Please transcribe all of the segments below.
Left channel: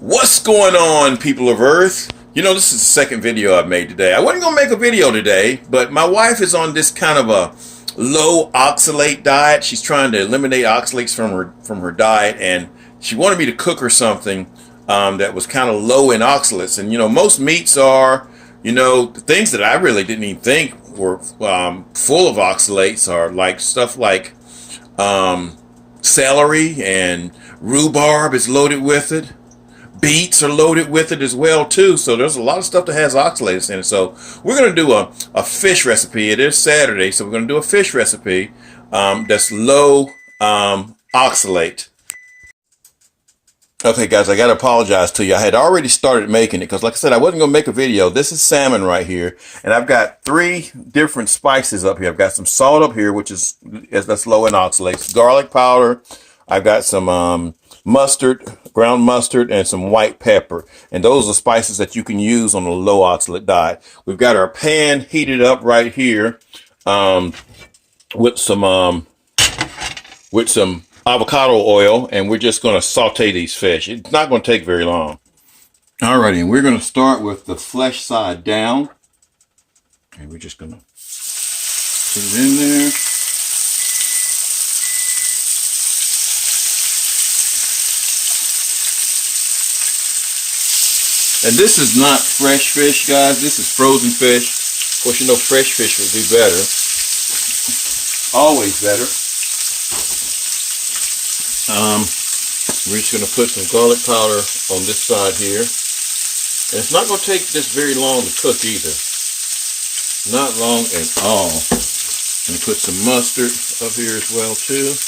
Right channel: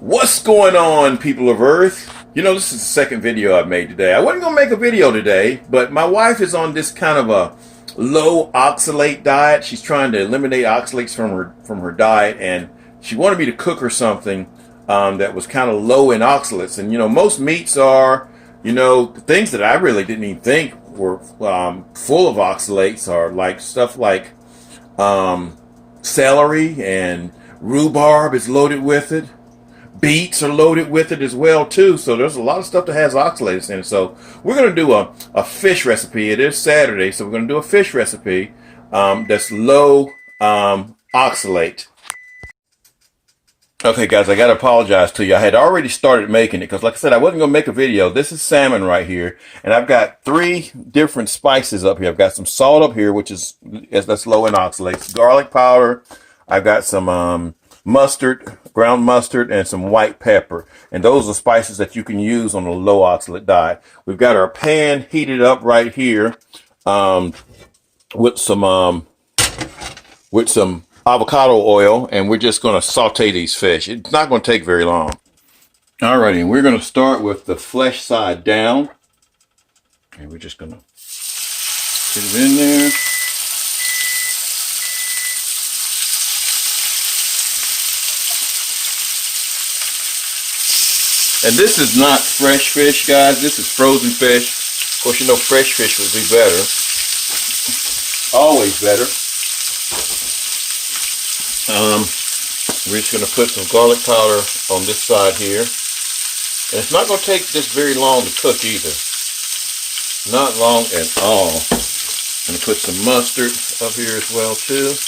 What's going on, people of Earth? You know, this is the second video I've made today. I wasn't going to make a video today, but my wife is on this kind of a low oxalate diet. She's trying to eliminate oxalates from her diet, and she wanted me to cook her something that was kind of low in oxalates. And, you know, most meats are, you know, things that I really didn't even think were full of oxalates are like stuff like celery, and rhubarb is loaded with it. Beets are loaded with it as well too. So there's a lot of stuff that has oxalates in it. So we're going to do a fish recipe. It is Saturday, so we're going to do a fish recipe that's low oxalate. Okay, guys, I got to apologize to you. I had already started making it because, like I said, I wasn't going to make a video. This is salmon right here, and I've got 3 different spices up here. I've got some salt up here, that's low in oxalates, garlic powder. I've got some mustard, ground mustard, and some white pepper. And those are spices that you can use on a low oxalate diet. We've got our pan heated up right here with some avocado oil, and we're just going to saute these fish. It's not going to take very long. Alrighty, and we're going to start with the flesh side down. And we're just going to put it in there. And this is not fresh fish, guys. This is frozen fish. Of course, you know fresh fish would be better. Always better. We're just going to put some garlic powder on this side here. And it's not going to take this very long to cook either. Not long at all. I'm going to put some mustard up here as well too.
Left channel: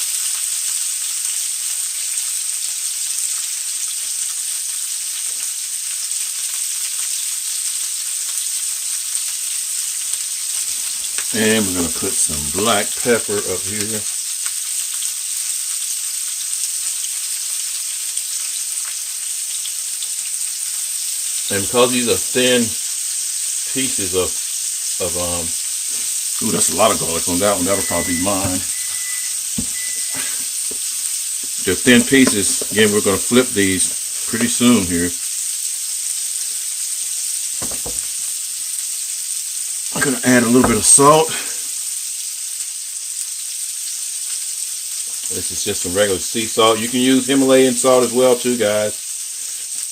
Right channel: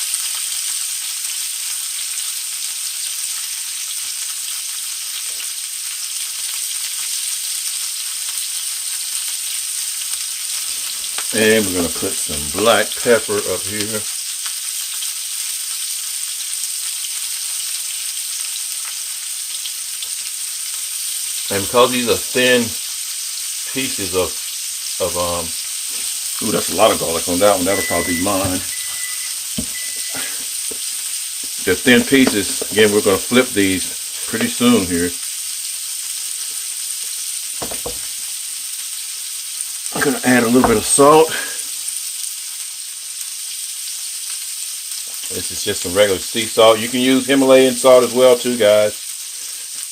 And we're going to put some black pepper up here. And because these are thin pieces of ooh, that's a lot of garlic on that one. That'll probably be mine. The thin pieces, again, we're going to flip these pretty soon here. I'm going to add a little bit of salt. This is just some regular sea salt. You can use Himalayan salt as well too, guys.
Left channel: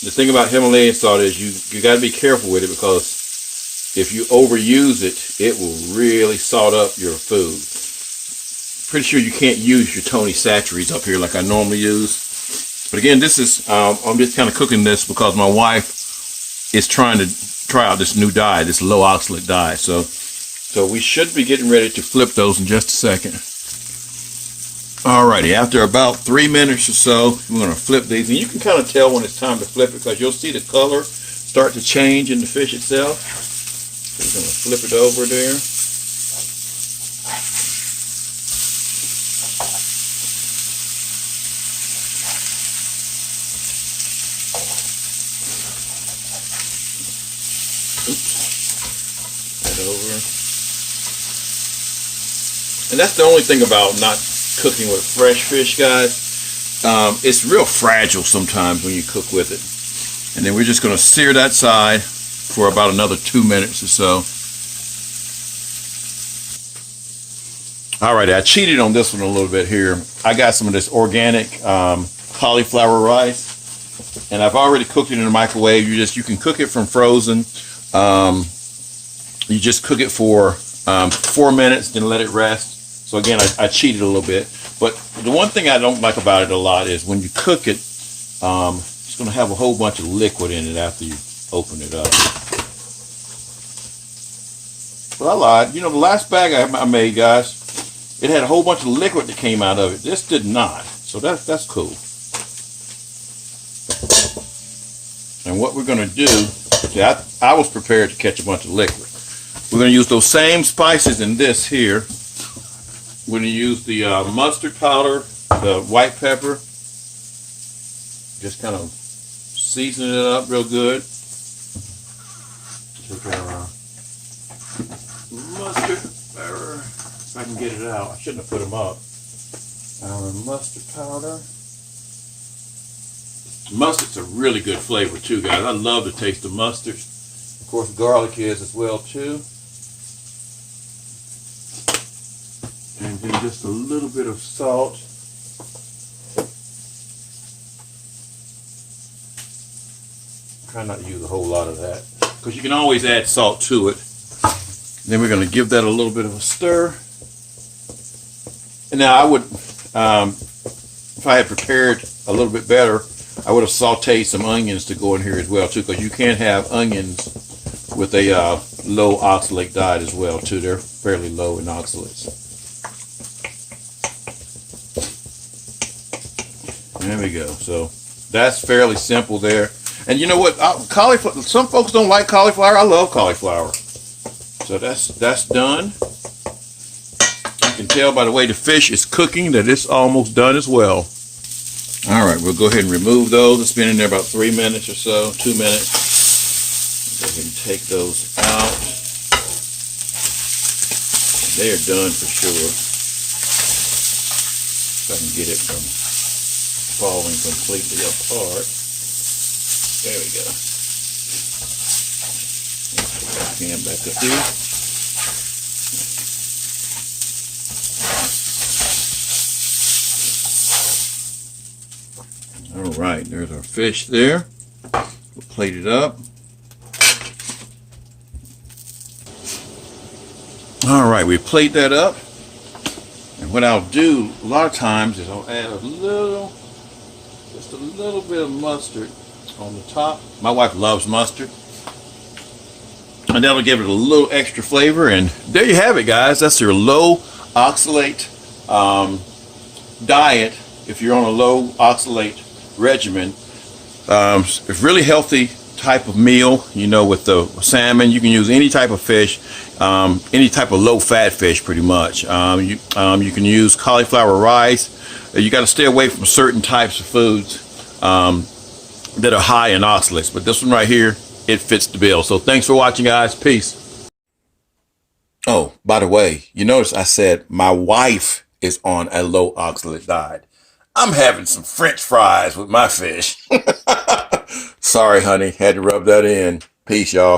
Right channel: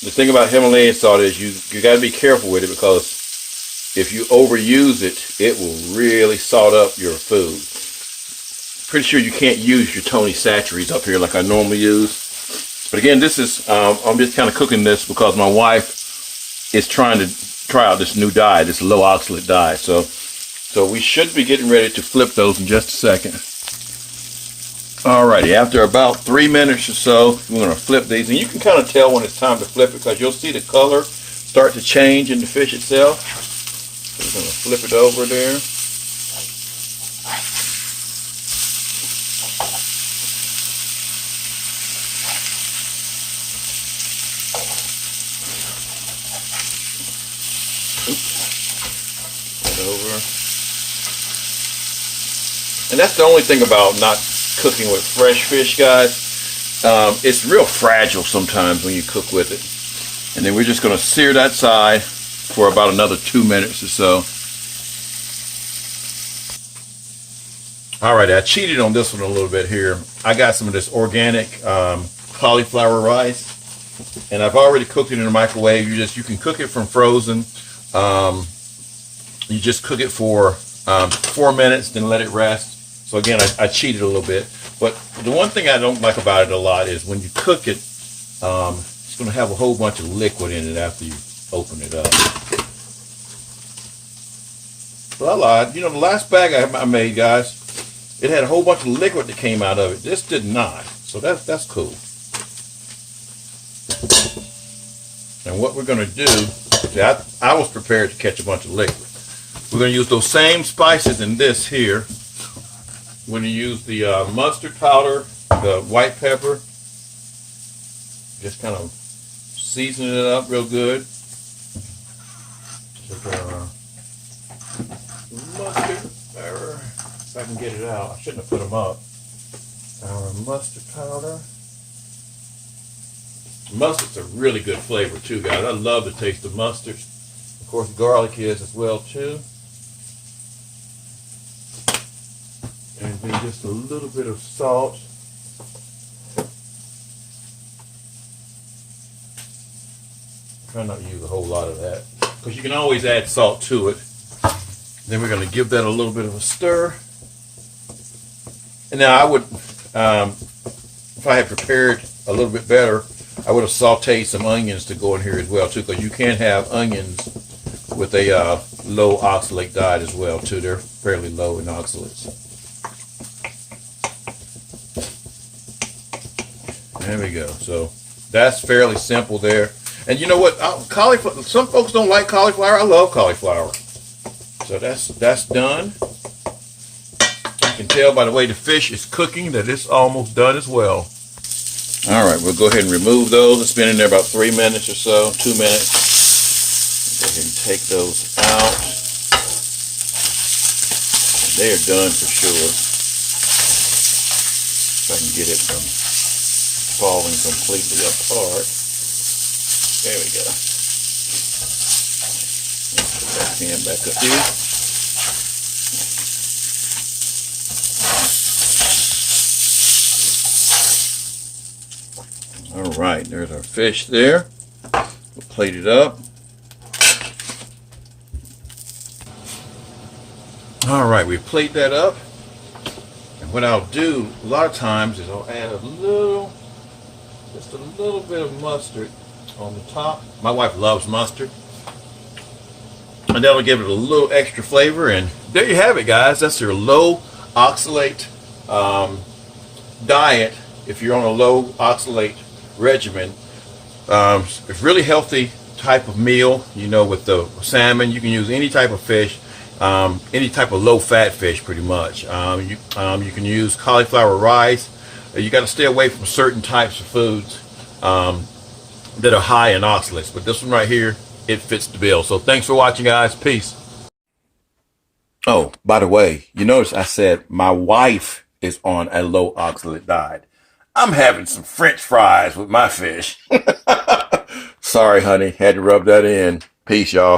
The thing about Himalayan salt is you got to be careful with it, because if you overuse it, it will really salt up your food. Pretty sure you can't use your Tony Chachere's up here like I normally use. But again, this is, I'm just kind of cooking this because my wife is trying to try out this new diet, this low oxalate diet. So we should be getting ready to flip those in just a second. Alrighty, after about 3 minutes or so, we're going to flip these. And you can kind of tell when it's time to flip it, because you'll see the color start to change in the fish itself. So we're going to flip it over there. Over. And that's the only thing about not cooking with fresh fish, guys. It's real fragile sometimes when you cook with it. And then we're just going to sear that side for about another 2 minutes or so. Alright, I cheated on this one a little bit here. I got some of this organic cauliflower rice, and I've already cooked it in the microwave. You can cook it from frozen. You just cook it for 4 minutes, then let it rest. So again, I cheated a little bit. But the one thing I don't like about it a lot is when you cook it, it's going to have a whole bunch of liquid in it after you open it up. But I lied. You know, the last bag I made, guys, it had a whole bunch of liquid that came out of it. This did not. So that's cool. And what we're going to do, see, I was prepared to catch a bunch of liquid. We're going to use those same spices in this here. We're going to use the mustard powder, the white pepper. Just kind of season it up real good. Just our mustard powder. If I can get it out. I shouldn't have put them up. Our mustard powder. Mustard's a really good flavor too, guys. I love the taste of mustard. Of course, garlic is as well too. And then just a little bit of salt. Try not to use a whole lot of that, because you can always add salt to it. Then we're going to give that a little bit of a stir. And now I would, if I had prepared a little bit better, I would have sauteed some onions to go in here as well too, because you can have onions with a low oxalate diet as well too. They're fairly low in oxalates. There we go. So that's fairly simple there. And you know what? Cauliflower. Some folks don't like cauliflower. I love cauliflower. So that's done. You can tell by the way the fish is cooking that it's almost done as well. All right, we'll go ahead and remove those. It's been in there about 3 minutes or so, 2 minutes. Go ahead and take those out. They are done for sure. If I can get it from falling completely apart. There we go. Let's put that pan back up here. All right, there's our fish there. We'll plate it up. All right, we plate that up. And what I'll do a lot of times is I'll add just a little bit of mustard on the top. My wife loves mustard. And that'll give it a little extra flavor. And there you have it, guys. That's your low oxalate diet. If you're on a low oxalate regimen, it's a really healthy type of meal. You know, with the salmon, you can use any type of fish, any type of low-fat fish, pretty much. You can use cauliflower rice. You got to stay away from certain types of foods that are high in oxalates, but this one right here, it fits the bill. So thanks for watching, guys. Peace. Oh, by the way, you notice I said my wife is on a low oxalate diet. I'm having some French fries with my fish. Sorry, honey. Had to rub that in. Peace, y'all.